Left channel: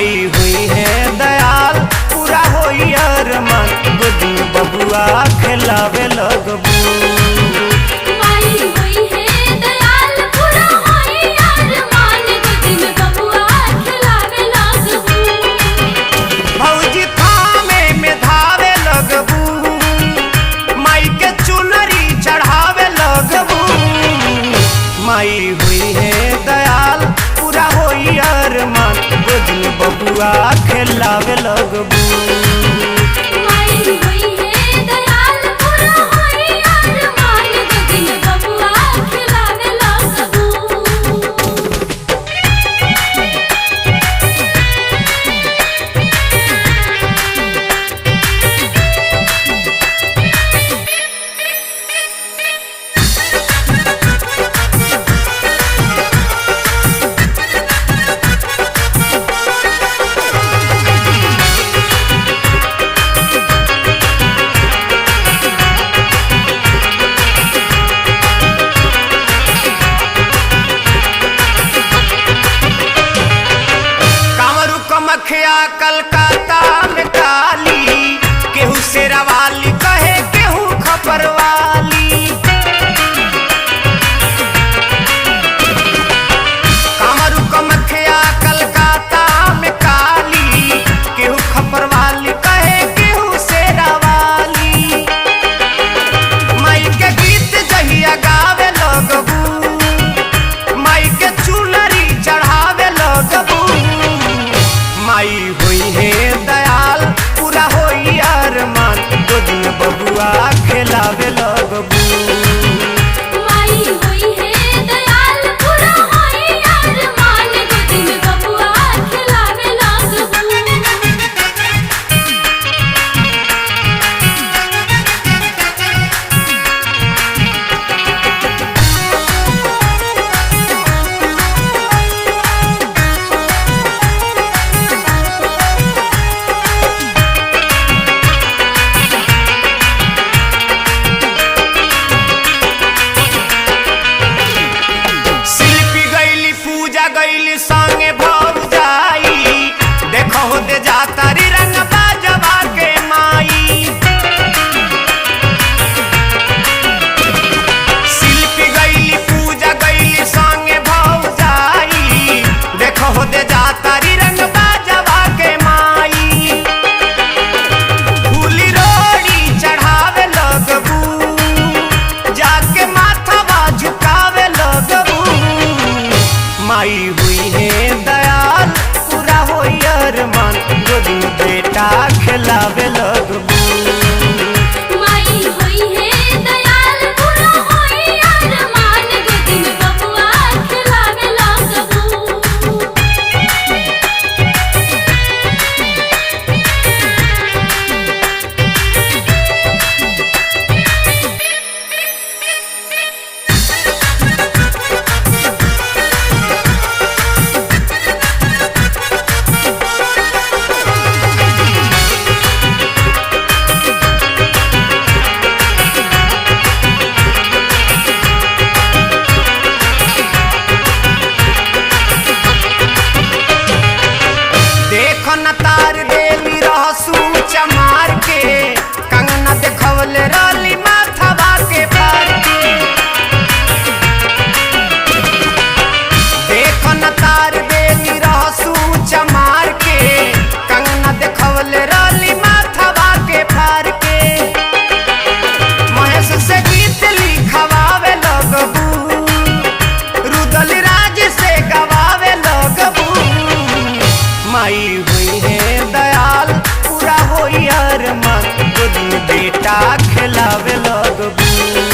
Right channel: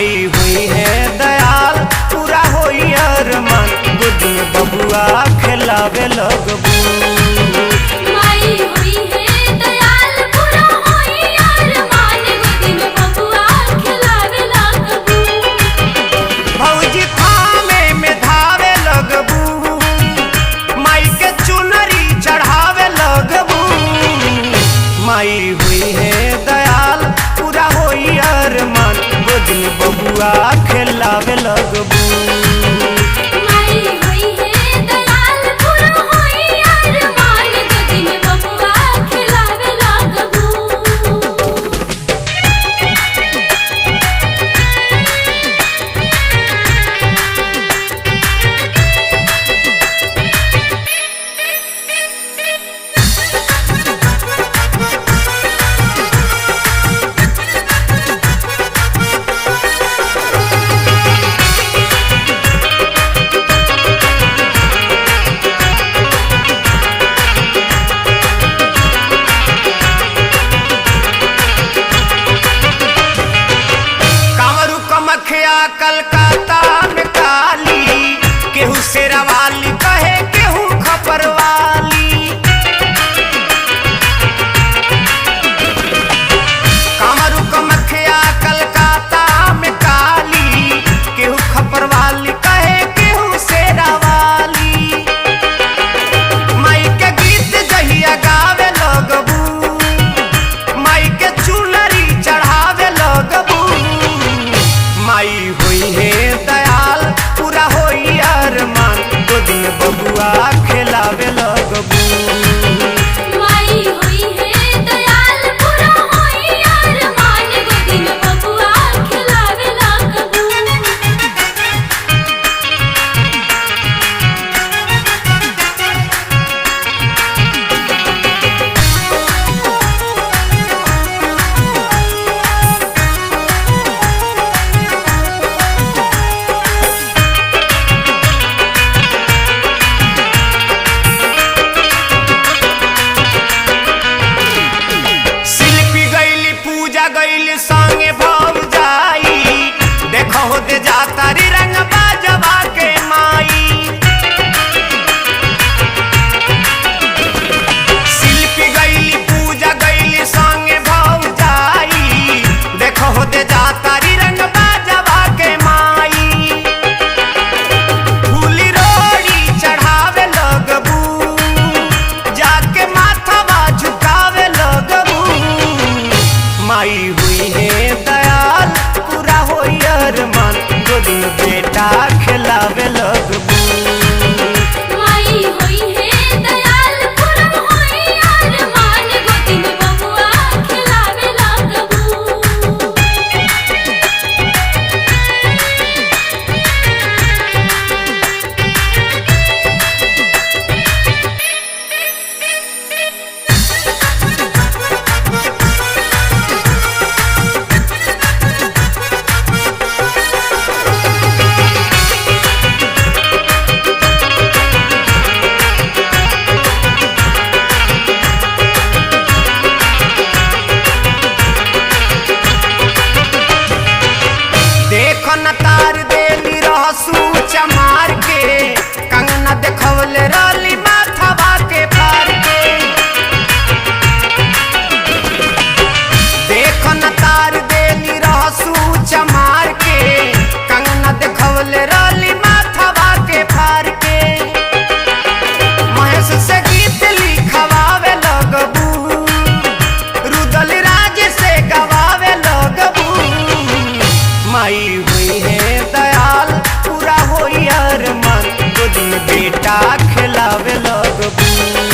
माई हुई है दयाल पूरा होई अरमान, गोद में बबुआ खिलावे लगबू। माई हुई है दयाल पूरा होई अरमान, गोद में बबुआ खिलावे लगबू। भौजी थामे में धावे लगबू, माई के चुनरी चढ़ावे लगबू। माई हुई है दयाल पूरा होई अरमान, गोद में बबुआ खिलावे लगबू। माई हुई है दयाल पूरा होई अरमान, गोद में बबुआ खिलावे लगबू। कमखिया कलकत्ता में काली, केहू शेरावाली कहे केहू खपरवाली। कामरू कमखिया कलकत्ता में काली, केहू खपरवाली कहे केहू शेरावाली। माई के गीत जहिया गावे लगबू, माई के चुनरी चढ़ावे लगबू। माई हुई है दयाल पूरा होई अरमान, गोद में बबुआ खिलावे लगबू। माई हुई है दयाल पूरा होई अरमान, गोद में बबुआ खिलावे लगबू। पूजा गईली संगे भव जाई, देखो हो दे जाता री रंग बाजवा के माई। शिल्पी गईली पूजा गईली संगे भव जाई, देखो हो दे जाता री रंग बाजवा के माई। फूली रोड़ी चढ़ावे लगबू, जाके माथवा झुकावे लगबू। माई हुई है दयाल पूरा होई अरमान, गोद में बेटा खिलावे लगबू। माई हुई है दयाल पूरा होई अरमान, गोद में बबुआ खिलावे लगबू। देखो न तार देली रहसू चमार के, कंगना देखवले रली माथवा के फार के। देखो न तार देली रहसू चमार के, कंगना देखवले रली माथवा के फार के। महेश से गीत लिखवावे लगबू, रुदल राज से गवावे लगबू। माई हुई है दयाल पूरा होई अरमान, गोद में बेटा खिलावे लगबू।